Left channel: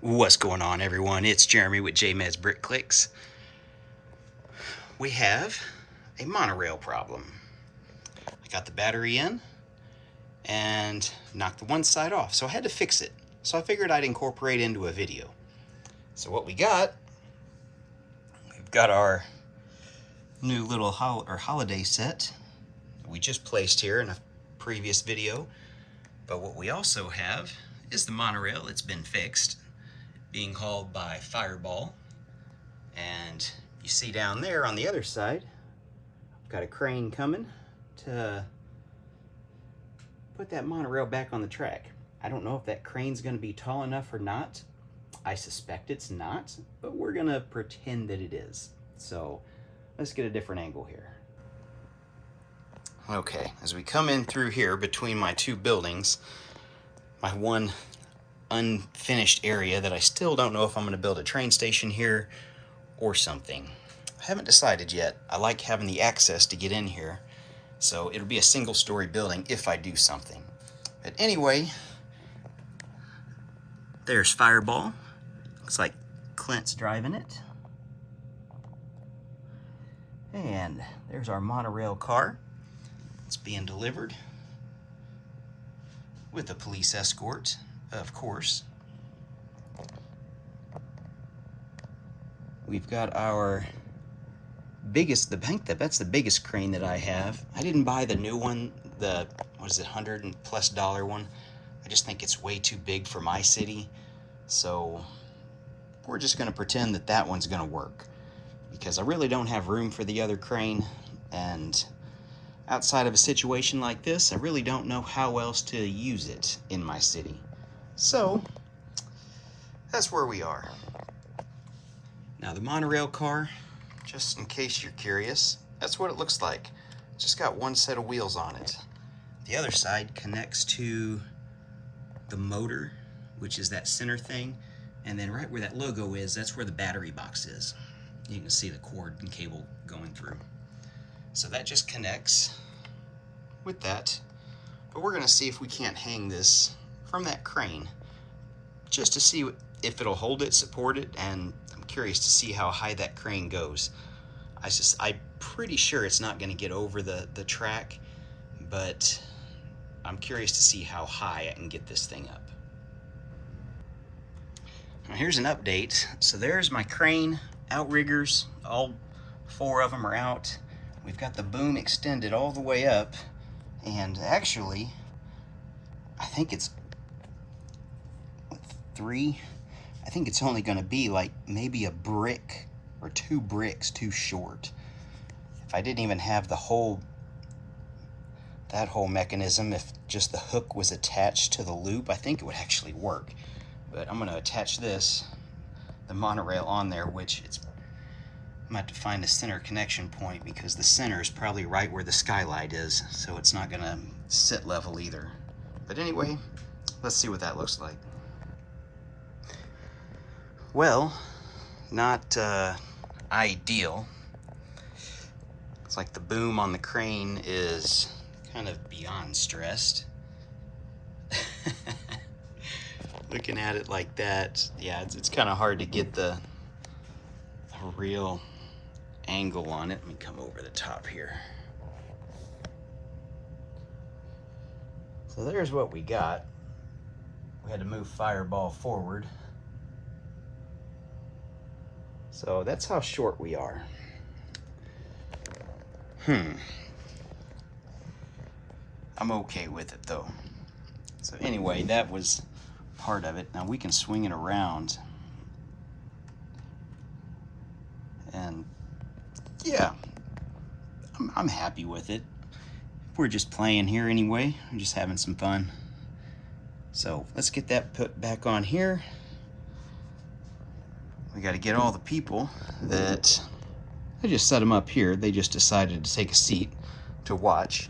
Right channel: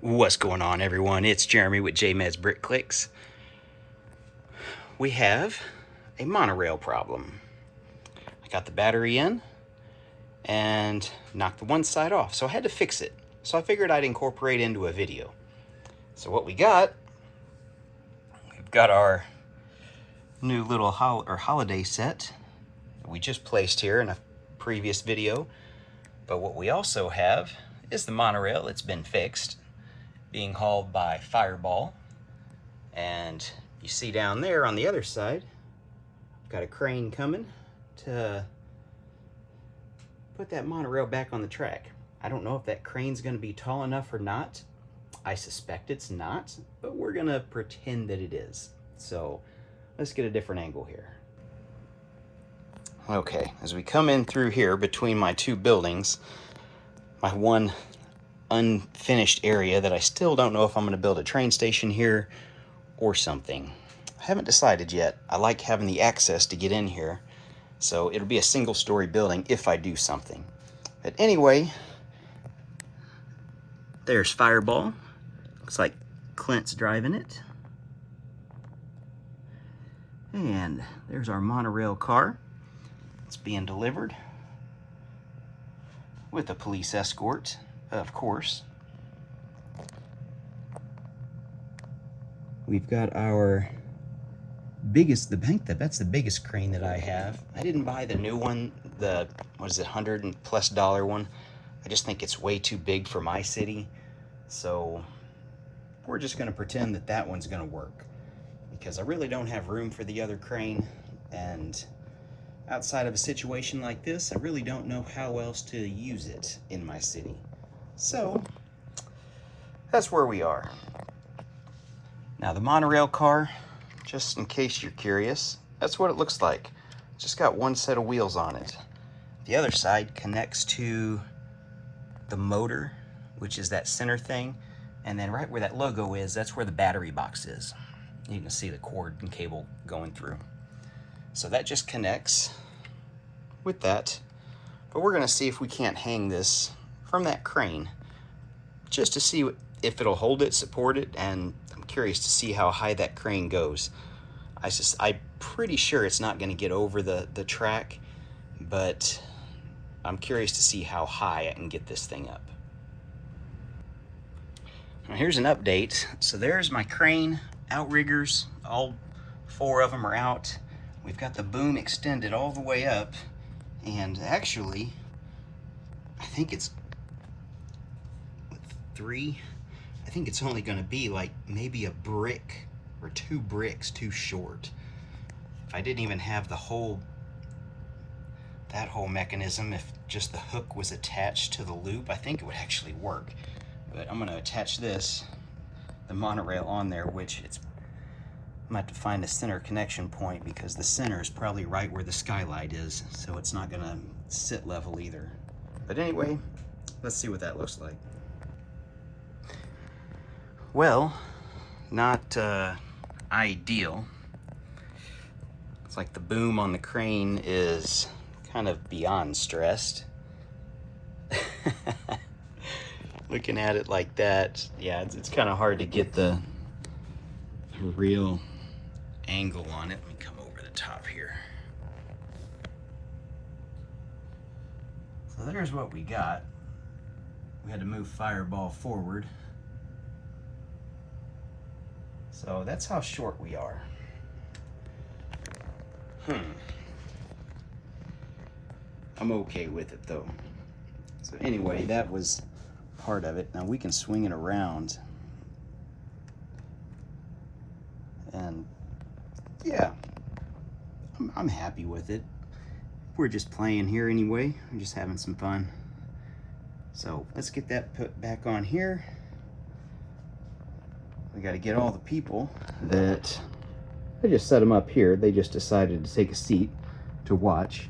What's going on, everyone? It's Jeremy with JMed's Brick Clicks. We have a monorail problem. I got the battery in and knocked the one side off, so I had to fix it. So I figured I'd incorporate into a video. So what we've got our new little holiday set that we just placed here in a previous video. But what we also have is the monorail. It's been fixed, being hauled by Fireball. And you see down there on the other side, I've got a crane coming to put that monorail back on the track. I don't know if that crane's going to be tall enough or not. I suspect it's not, but we're going to pretend that it is. So let's get a different angle here. Okay, as we come in through here between my two buildings, my one unfinished area that I still don't know if I'm going to build a train station here or something. I haven't decided yet. I like having the access to get in here, so it'll be a single-story building if I do something. But anyway, there's Fireball. Looks like Clint's driving it. And there's our monorail car. It's being delivered with a police escort, of course. We've got our biggest, that's the biggest crane that I have. I didn't buy the new one, the, what is it, $100+ one. I just think it's way too big for my city. So we're just gonna pretend that that one's gonna work, because I really don't have room for the other crane, and outside of a situation like this, I really don't know how else to use it in my city. So that's where we are. Now the monorail car, just in case you're curious, that's what it looks like. It's just got one set of wheels on it. The other side connects to the motor, which is that center thing, and then right where that logo is, that's where the battery box is. You can see the cord and cable going through. So that just connects with that. But we're gonna see if we can't hang this from that crane, just to see if it'll hold it, support it, and I'm curious to see how high that crane goes. I'm pretty sure it's not gonna get over the track, but I'm curious to see how high I can get this thing up. Now here's an update. So there's my crane outriggers. All 4 of them are out. We've got the boom extended all the way up, and actually I think it's 3. I think it's only gonna be like maybe a brick or 2 bricks too short. If I didn't even have that whole mechanism, if just the hook was attached to the loop, I think it would actually work. But I'm gonna attach the monorail on there, which I'm gonna have to find a center connection point, because the center is probably right where the skylight is, so it's not gonna sit level either. But anyway, let's see what that looks like. Well, not ideal. It's like the boom on the crane is kind of beyond stressed. Looking at it like that, yeah, it's kind of hard to get the real angle on it. Let me come over the top here. So there's what we got. We had to move Fireball forward. So that's how short we are. I'm okay with it though. So anyway, that was part of it. Now we can swing it around. And yeah, I'm happy with it. We're just playing here anyway. We're just having some fun. So let's get that put back on here. We got to get all the people that, I just set them up here. They just decided to take a seat to watch.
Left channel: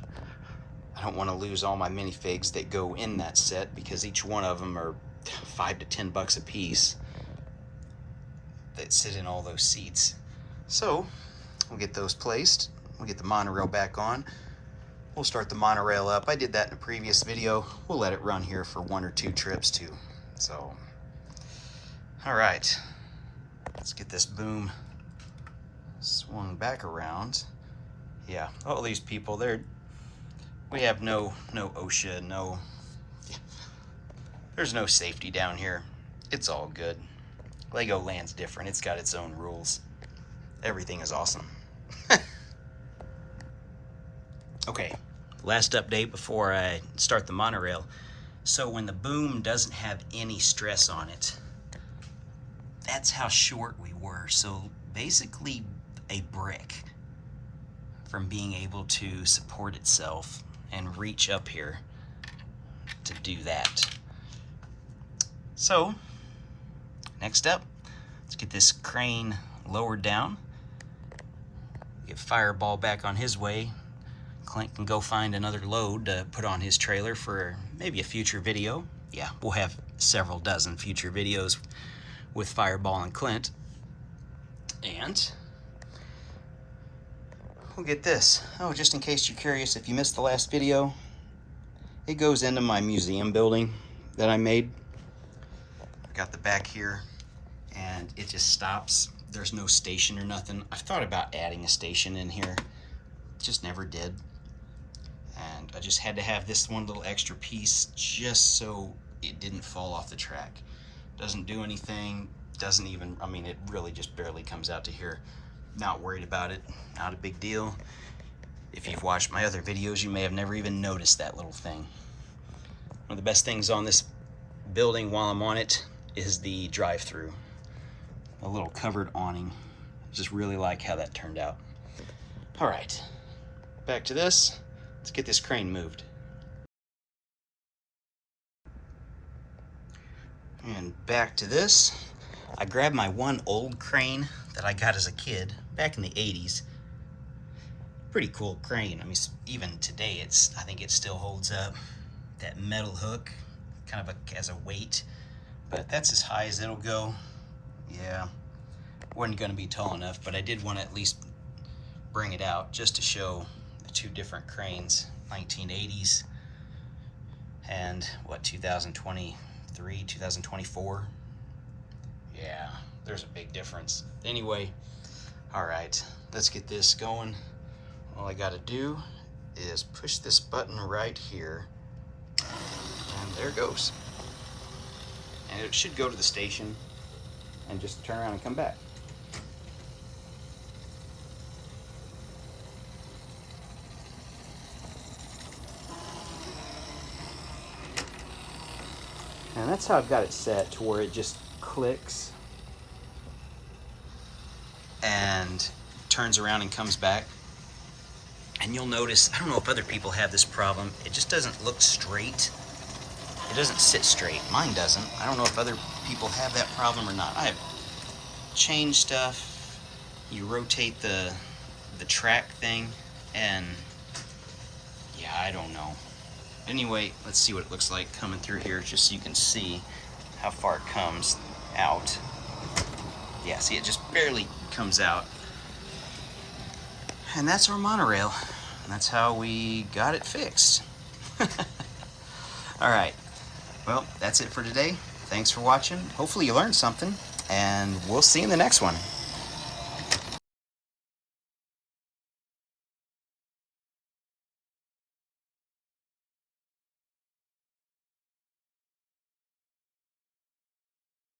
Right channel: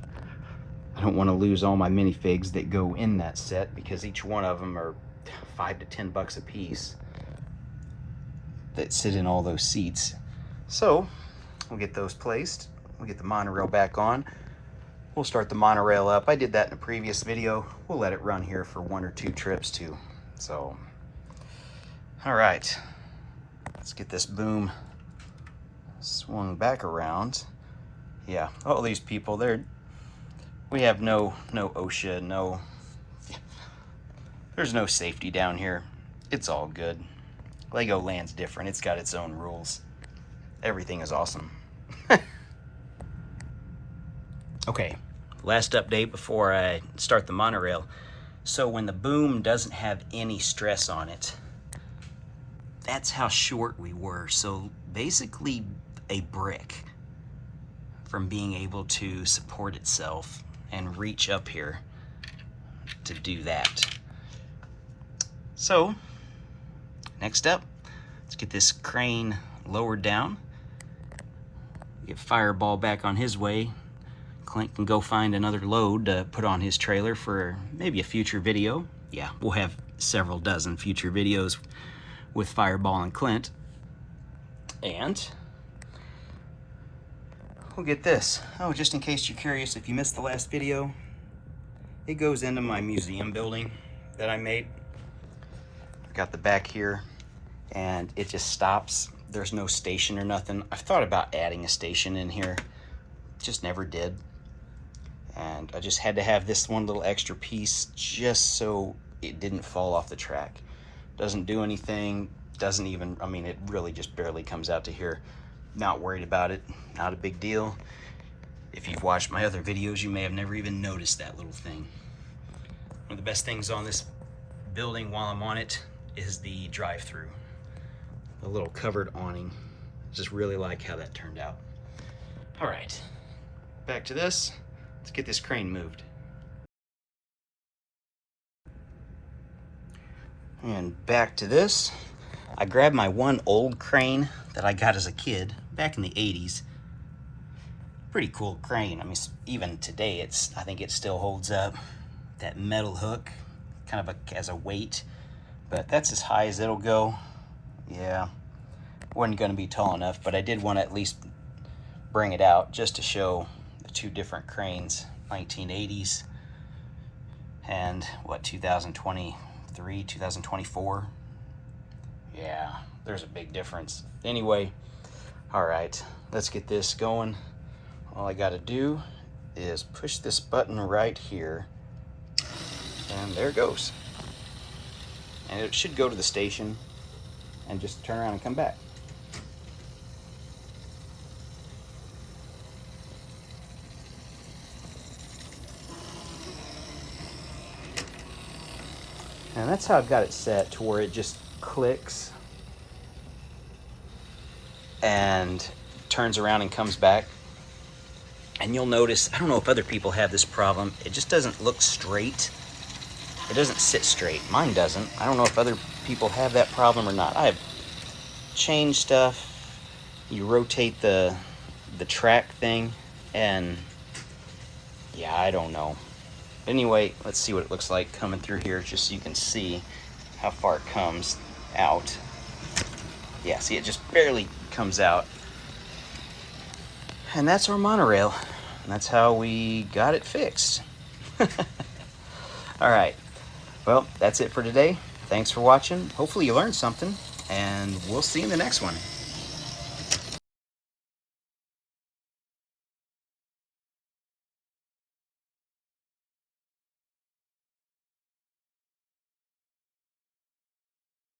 I don't want to lose all my minifigs that go in that set, because each one of them are $5 to $10 a piece that sit in all those seats. So we'll get those placed. We'll get the monorail back on. We'll start the monorail up. I did that in a previous video. We'll let it run here for 1 or 2 trips too. So All right, let's get this boom swung back around. Yeah, all these people, we have no OSHA, there's no safety down here. It's all good. Legoland's different. It's got its own rules. Everything is awesome. Okay, last update before I start the monorail. So when the boom doesn't have any stress on it, that's how short we were. So basically a brick from being able to support itself and reach up here to do that. So next up, let's get this crane lowered down, get Fireball back on his way. Clint can go find another load to put on his trailer for maybe a future video. Yeah, we'll have several dozen future videos with Fireball and Clint. And we'll get this. Oh, just in case you're curious, if you missed the last video, it goes into my museum building that I made. I got the back here, and it just stops. There's no station or nothing. I've thought about adding a station in here, just never did. And I just had to have this one little extra piece just so it didn't fall off the track. Doesn't do anything, doesn't even, I mean, it really just barely comes out to here. Not worried about it, not a big deal. If you've watched my other videos, you may have never even noticed that little thing. One of the best things on this building while I'm on it is the drive-through. A little covered awning. Just really like how that turned out. All right, back to this. Let's get this crane moved. And back to this. I grabbed my one old crane that I got as a kid back in the 80s. Pretty cool crane. I mean, even today, I think it still holds up. That metal hook, kind of as a weight, but that's as high as it'll go. Yeah, wasn't gonna be tall enough, but I did want to at least bring it out just to show the two different cranes, 1980s and what, 2023, 2024. Yeah, there's a big difference. Anyway, all right, let's get this going. All I got to do is push this button right here, and there it goes. And it should go to the station and just turn around and come back. And that's how I've got it set, to where it just clicks and turns around and comes back. And you'll notice, I don't know if other people have this problem, it just doesn't look straight. It doesn't sit straight. Mine doesn't. I don't know if other people have that problem or not. I have changed stuff. You rotate the track thing, and yeah, I don't know. Anyway, let's see what it looks like coming through here, just so you can see how far it comes out. Yeah, see, it just barely comes out. And that's our monorail. And that's how we got it fixed. All right. Well, that's it for today. Thanks for watching. Hopefully you learned something, and we'll see you in the next one.